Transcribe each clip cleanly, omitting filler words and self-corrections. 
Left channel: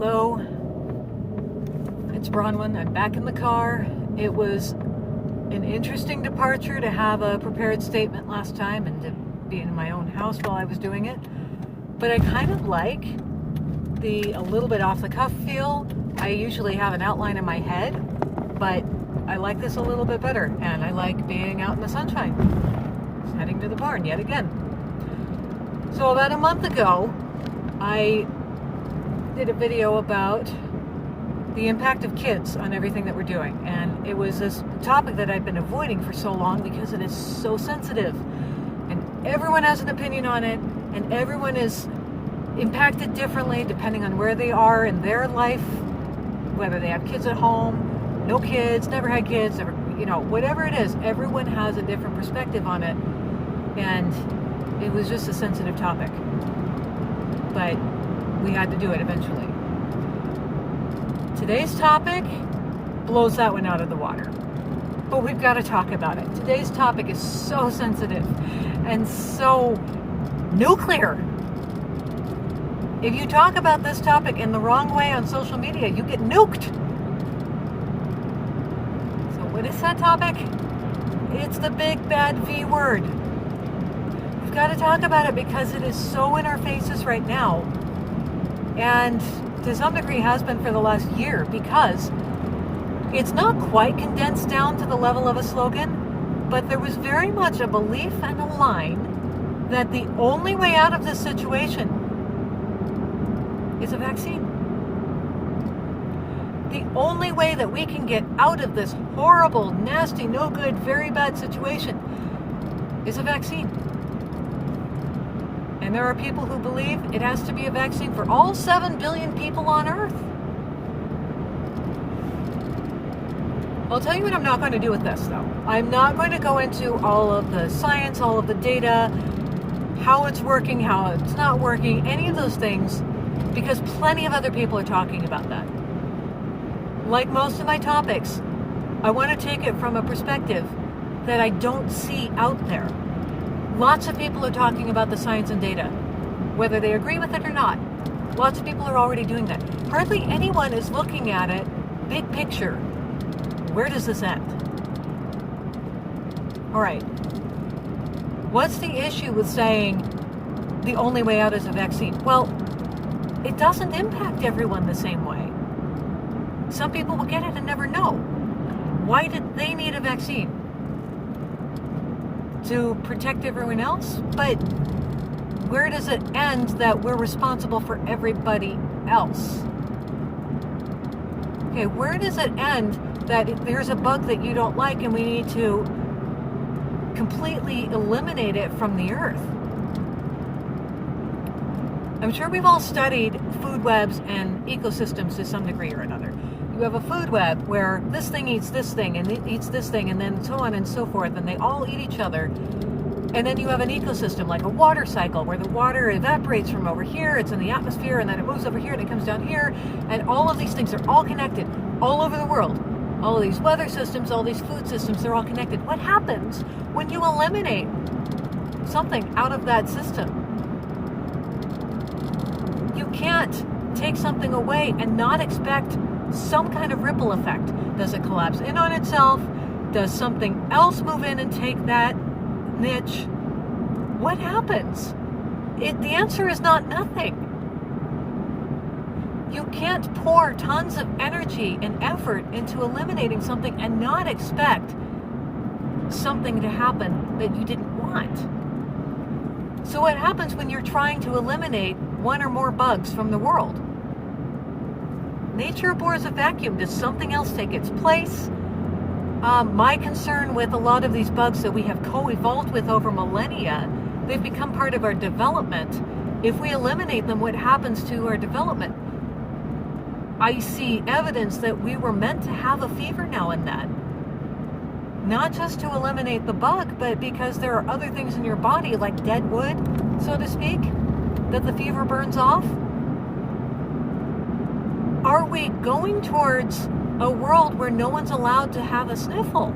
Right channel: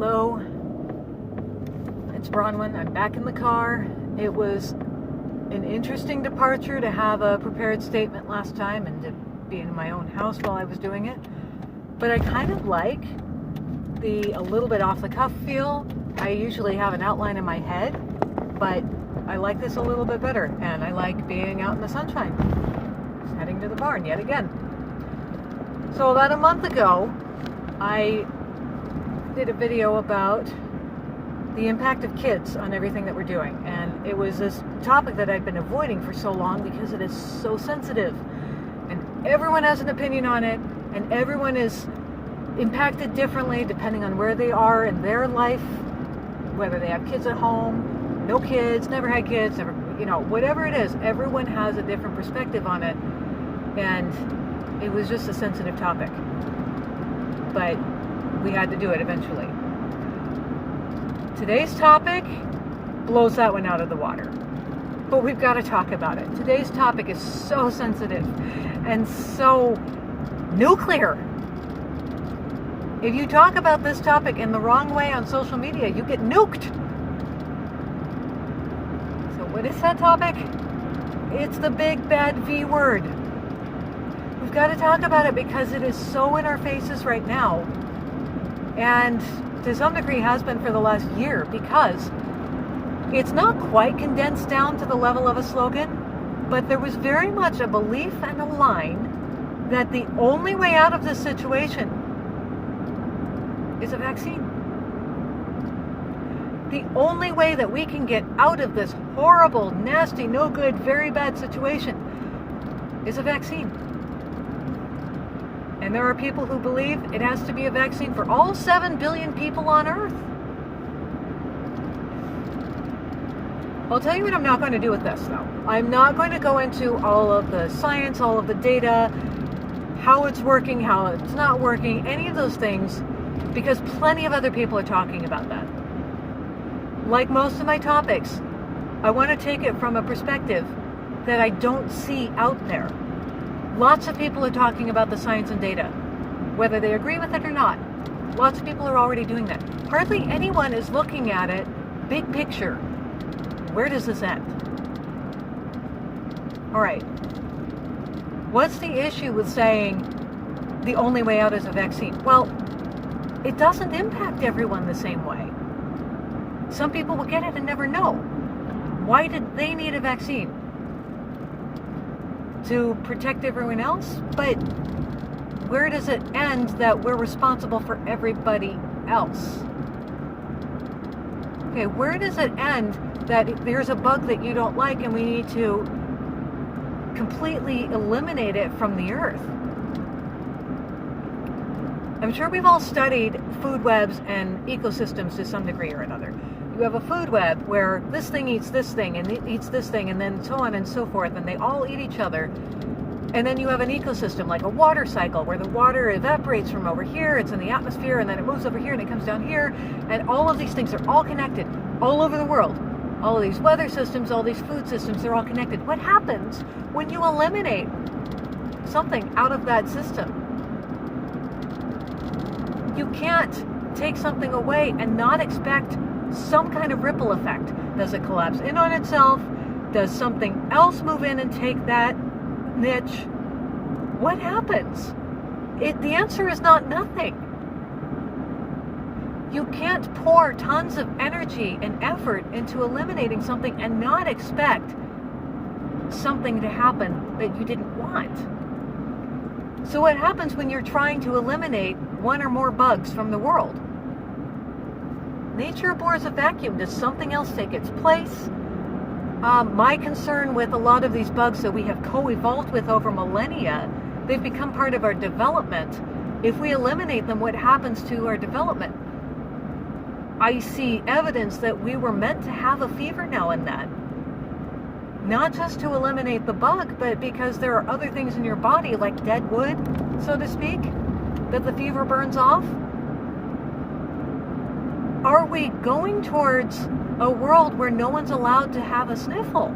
Hello, it's Bronwyn. I'm back in the car. It was an interesting departure to have a prepared statement last time and to be in my own house while I was doing it. But I kind of like the a little bit off the cuff feel. I usually have an outline in my head, but I like this a little bit better, and I like being out in the sunshine. Heading to the barn yet again. So about a month ago, I did a video about the impact of kids on everything that we're doing, and it was this topic that I'd been avoiding for so long because it is so sensitive, and everyone has an opinion on it, and everyone is impacted differently depending on where they are in their life, whether they have kids at home, no kids, never had kids, never, whatever it is, everyone has a different perspective on it, and it was just a sensitive topic, but we had to do it eventually. Today's topic blows that one out of the water, but we've got to talk about it. Today's topic is so sensitive and so nuclear. If you talk about this topic in the wrong way on social media, you get nuked. So what is that topic? It's the big bad V word. We've got to talk about it because it is so in our faces right now. And to some degree has been for the last year, because it's not quite condensed down to the level of a slogan, but there was very much a belief and a line that the only way out of this situation is a vaccine. The only way that we can get out of this horrible, nasty, no good, very bad situation is a vaccine. And there are people who believe it has to be a vaccine for all 7 billion people on Earth. I'll tell you what I'm not going to do with this, though. I'm not going to go into all of the science, all of the data, how it's working, how it's not working, any of those things, because plenty of other people are talking about that. Like most of my topics, I want to take it from a perspective that I don't see out there. Lots of people are talking about the science and data, whether they agree with it or not. Lots of people are already doing that. Hardly anyone is looking at it big picture. Where does this end? All right. What's the issue with saying the only way out is a vaccine? Well, it doesn't impact everyone the same way. Some people will get it and never know. Why did they need a vaccine? To protect everyone else? But where does it end that we're responsible for everybody else? Okay, where does it end that there's a bug that you don't like and we need to completely eliminate it from the earth? I'm sure we've all studied food webs and ecosystems to some degree or another. You have a food web where this thing eats this thing and it eats this thing and then so on and so forth, and they all eat each other. And then you have an ecosystem like a water cycle where the water evaporates from over here, it's in the atmosphere, and then it moves over here and it comes down here, and all of these things are all connected all over the world. All of these weather systems, all these food systems, they're all connected. What happens when you eliminate something out of that system? You can't take something away and not expect some kind of ripple effect. Does it collapse in on itself? Does something else move in and take that niche? What happens? The answer is not nothing. You can't pour tons of energy and effort into eliminating something and not expect something to happen that you didn't want. So what happens when you're trying to eliminate one or more bugs from the world? Nature abhors a vacuum. Does something else take its place? My concern with a lot of these bugs that we have co-evolved with over millennia, they've become part of our development. If we eliminate them, what happens to our development? I see evidence that we were meant to have a fever now and then. Not just to eliminate the bug, but because there are other things in your body, like dead wood, so to speak, that the fever burns off. Are we going towards a world where no one's allowed to have a sniffle?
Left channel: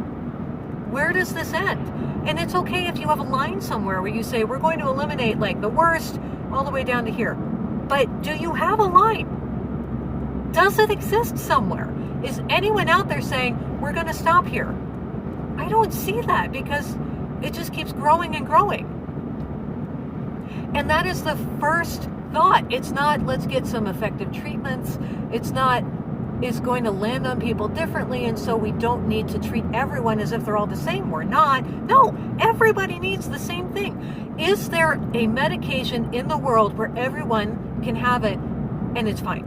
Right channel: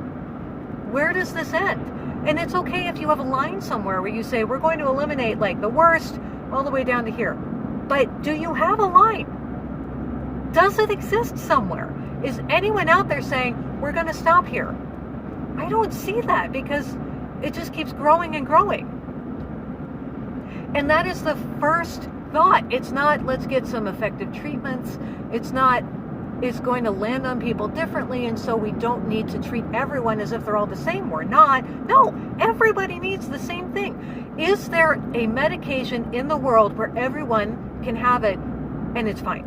Where does this end? And it's okay if you have a line somewhere where you say, we're going to eliminate like the worst all the way down to here. But do you have a line? Does it exist somewhere? Is anyone out there saying, we're going to stop here? I don't see that, because it just keeps growing and growing. And that is the first thought. It's not, let's get some effective treatments. It's not, it's going to land on people differently, and so we don't need to treat everyone as if they're all the same. We're not. No, everybody needs the same thing. Is there a medication in the world where everyone can have it and it's fine?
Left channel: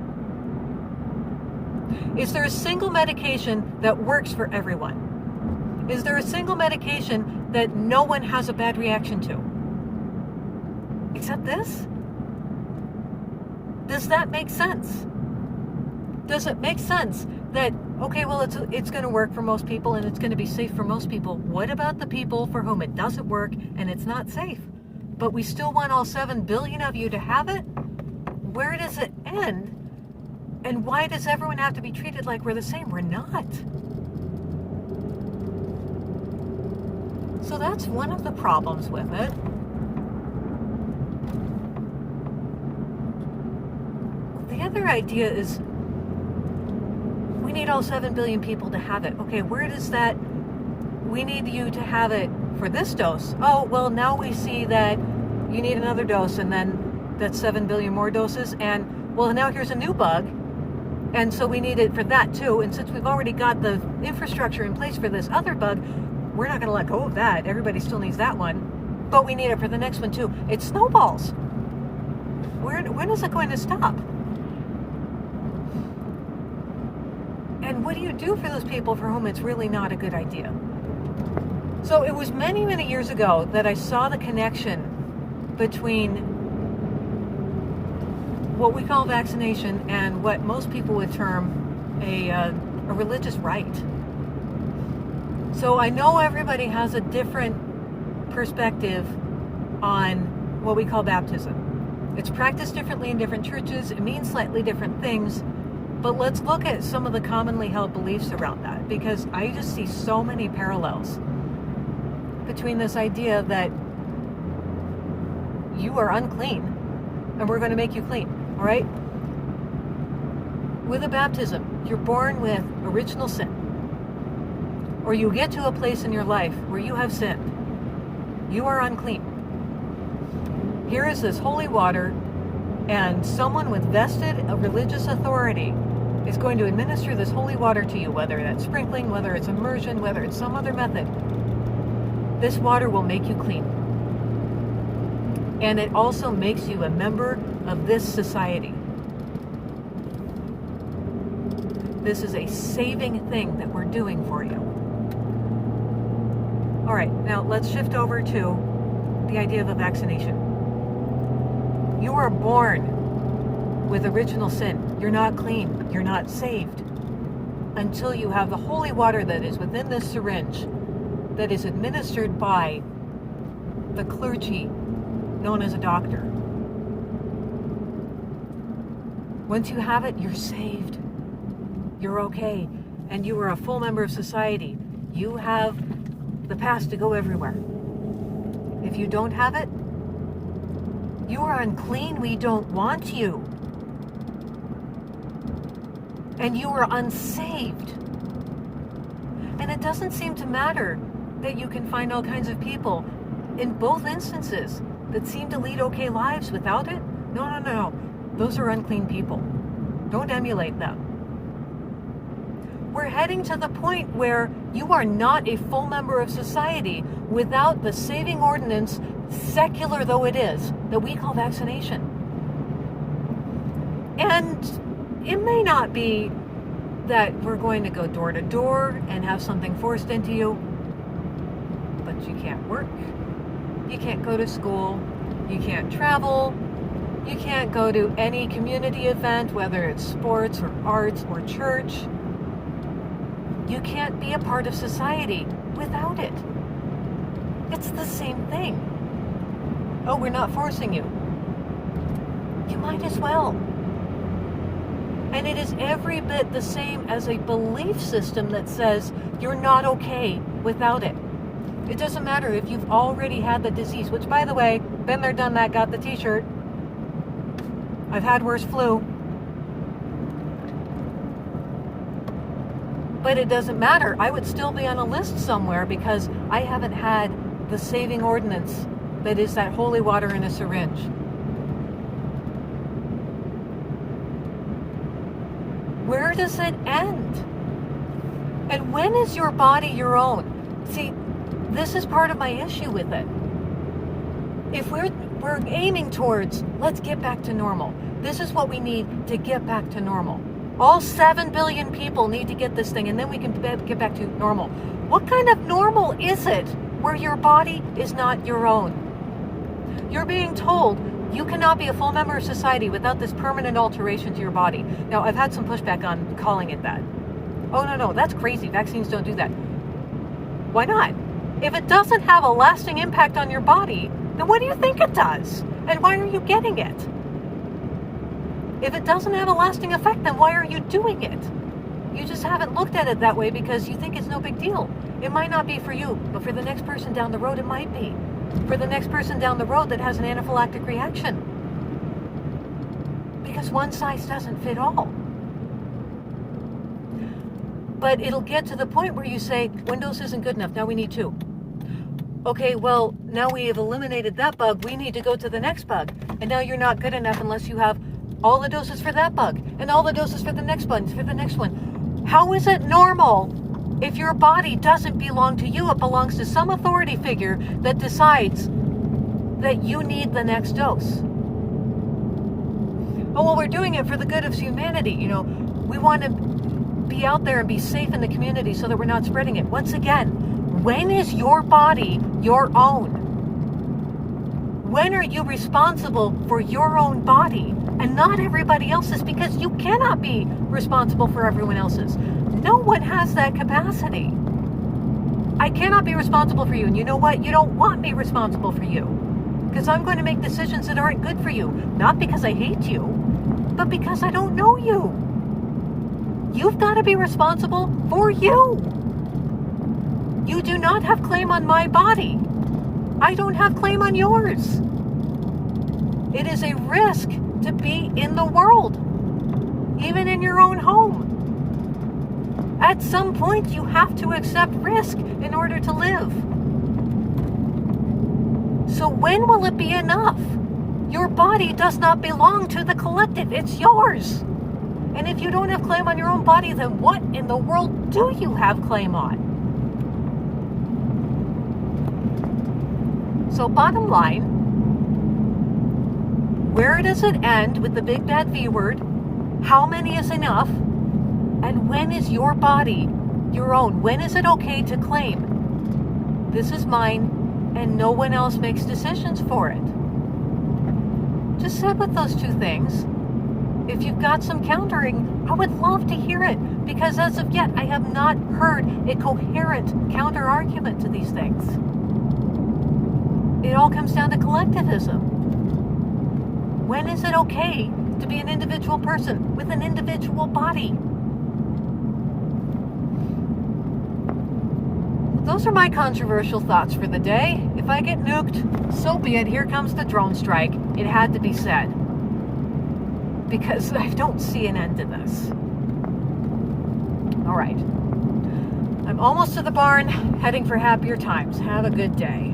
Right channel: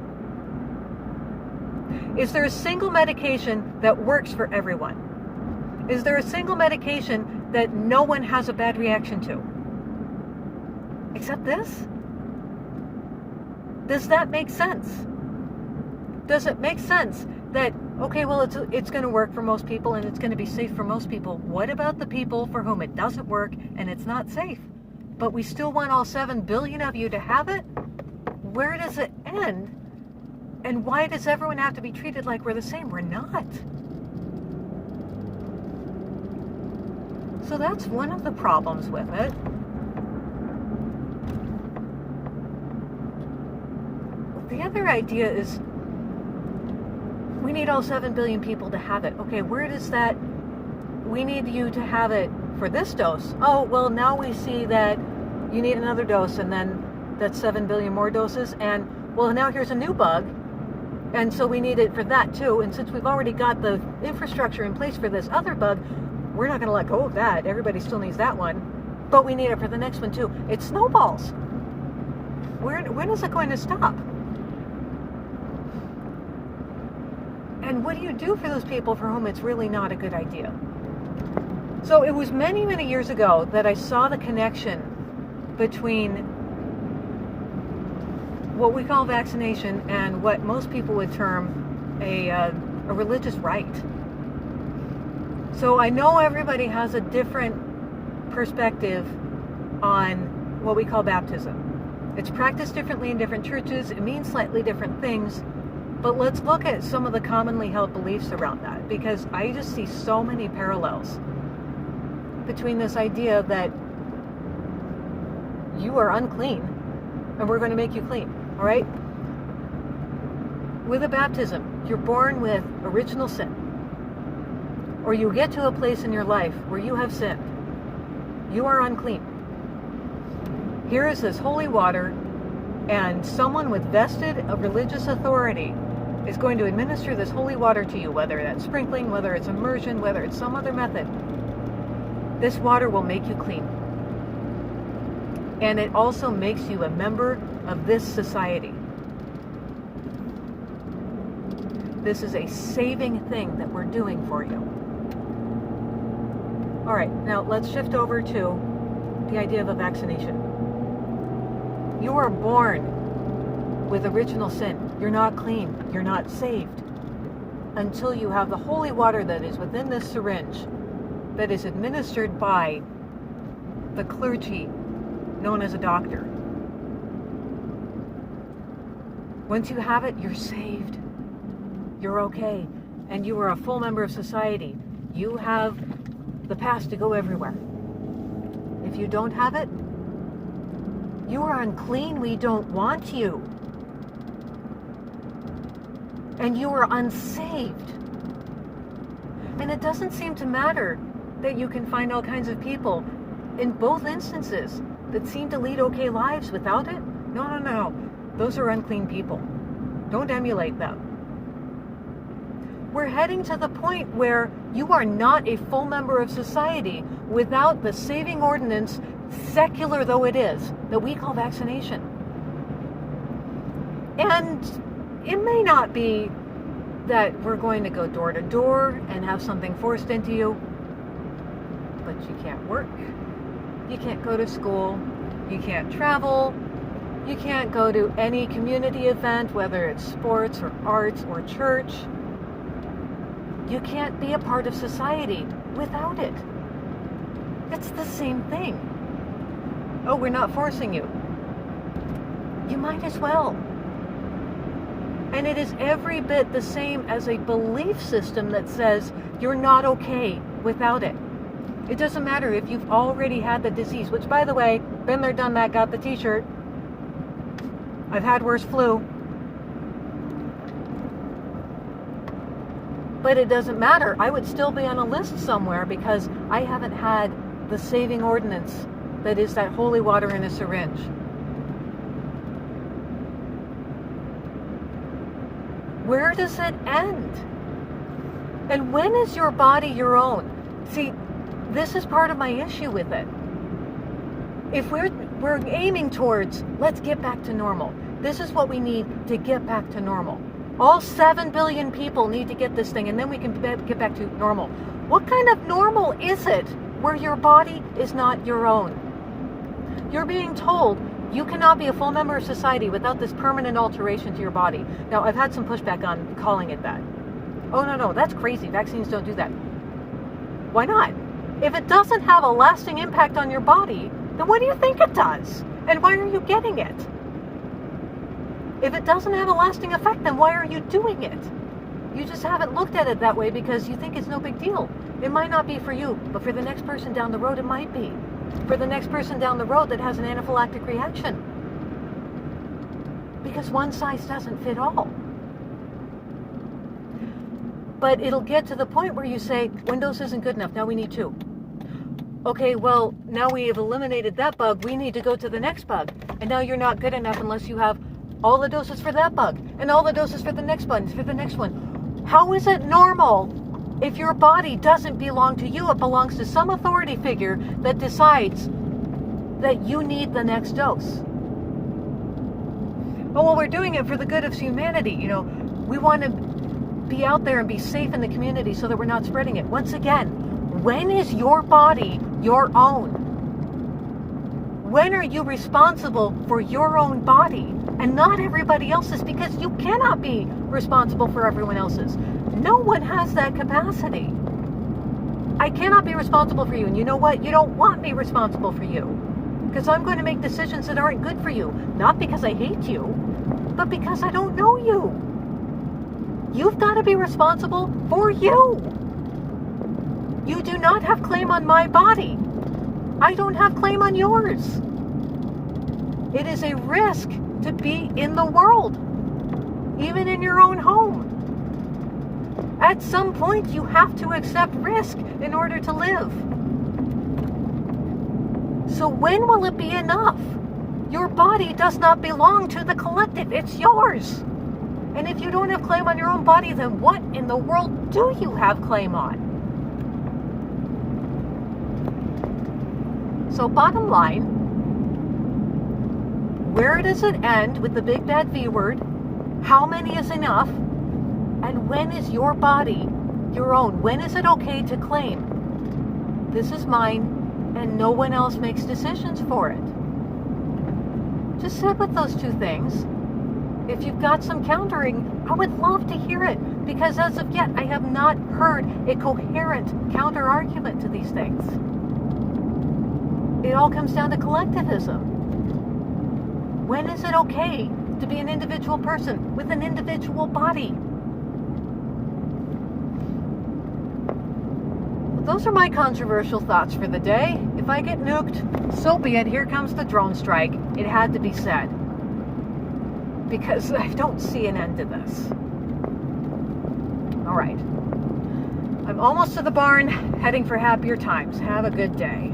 Is there a single medication that works for everyone? Is there a single medication that no one has a bad reaction to? Except this? Does that make sense? Does it make sense that, okay, well, it's going to work for most people and it's going to be safe for most people? What about the people for whom it doesn't work and it's not safe? But we still want all 7 billion of you to have it? Where does it end? And why does everyone have to be treated like we're the same? We're not. So that's one of the problems with it. The other idea is we need all 7 billion people to have it. Okay, where does that, we need you to have it for this dose. Oh, well, now we see that you need another dose, and then that's 7 billion more doses. And, well, now here's a new bug. And so we need it for that too. And since we've already got the infrastructure in place for this other bug, we're not going to let go of that. Everybody still needs that one. But we need it for the next one too. It snowballs. When is it going to stop? And what do you do for those people for whom it's really not a good idea? So it was many, many years ago that I saw the connection between what we call vaccination and what most people would term a religious rite. So I know everybody has a different perspective on what we call baptism. It's practiced differently in different churches. It means slightly different things. But let's look at some of the commonly held beliefs around that, because I just see so many parallels between this idea that you are unclean and we're going to make you clean, all right? With a baptism, you're born with original sin, or you get to a place in your life where you have sinned. You are unclean. Here is this holy water, and someone with vested religious authority is going to administer this holy water to you, whether that's sprinkling, whether it's immersion, whether it's some other method. This water will make you clean. And it also makes you a member of this society. This is a saving thing that we're doing for you. All right, now let's shift over to the idea of a vaccination. You are born with original sin. You're not clean. You're not saved until you have the holy water that is within this syringe that is administered by the clergy known as a doctor. Once you have it, you're saved. You're okay. And you are a full member of society. You have the pass to go everywhere. If you don't have it, you are unclean. We don't want you. And you are unsaved. And it doesn't seem to matter that you can find all kinds of people in both instances that seem to lead okay lives without it. No. Those are unclean people. Don't emulate them. We're heading to the point where you are not a full member of society without the saving ordinance, secular though it is, that we call vaccination. And it may not be that we're going to go door to door and have something forced into you, but you can't work, you can't go to school, you can't travel, you can't go to any community event, whether it's sports or arts or church. You can't be a part of society without it. It's the same thing. Oh, we're not forcing you. You might as well. And it is every bit the same as a belief system that says you're not okay without it. It doesn't matter if you've already had the disease, which, by the way, been there, done that, got the t-shirt. I've had worse flu. But it doesn't matter. I would still be on a list somewhere because I haven't had the saving ordinance that is that holy water in a syringe. Where does it end? And when is your body your own? See, this is part of my issue with it. If we're aiming towards, let's get back to normal. This is what we need to get back to normal. All 7 billion people need to get this thing, and then we can get back to normal. What kind of normal is it where your body is not your own? You're being told you cannot be a full member of society without this permanent alteration to your body. Now, I've had some pushback on calling it that. Oh, no, that's crazy. Vaccines don't do that. Why not? If it doesn't have a lasting impact on your body, then what do you think it does? And why are you getting it? If it doesn't have a lasting effect, then why are you doing it? You just haven't looked at it that way because you think it's no big deal. It might not be for you, but for the next person down the road, it might be. For the next person down the road that has an anaphylactic reaction. Because one size doesn't fit all. But it'll get to the point where you say, one dose isn't good enough, now we need 2. Okay, well, now we have eliminated that bug, we need to go to the next bug. And now you're not good enough unless you have all the doses for that bug, and all the doses for the next bug, for the next one. How is it normal if your body doesn't belong to you? It belongs to some authority figure that decides that you need the next dose. Oh, well, we're doing it for the good of humanity. You know, we want to be out there and be safe in the community so that we're not spreading it. Once again, when is your body your own? When are you responsible for your own body and not everybody else's? Because you cannot be responsible for everyone else's. No one has that capacity. I cannot be responsible for you. And you know what? You don't want me responsible for you. Because I'm going to make decisions that aren't good for you. Not because I hate you, but because I don't know you. You've got to be responsible for you. You do not have claim on my body. I don't have claim on yours. It is a risk to be in the world, even in your own home. At some point, you have to accept risk in order to live. So when will it be enough? Your body does not belong to the collective. It's yours. And if you don't have claim on your own body, then what in the world do you have claim on? So bottom line, where does it end with the big bad V word? How many is enough? And when is your body your own? When is it okay to claim, this is mine, and no one else makes decisions for it? Just sit with those two things. If you've got some countering, I would love to hear it, because as of yet, I have not heard a coherent counter argument to these things. It all comes down to collectivism. When is it okay to be an individual person with an individual body? Those are my controversial thoughts for the day. If I get nuked, so be it. Here comes the drone strike. It had to be said. Because I don't see an end to this. All right. I'm almost to the barn, heading for happier times. Have a good day.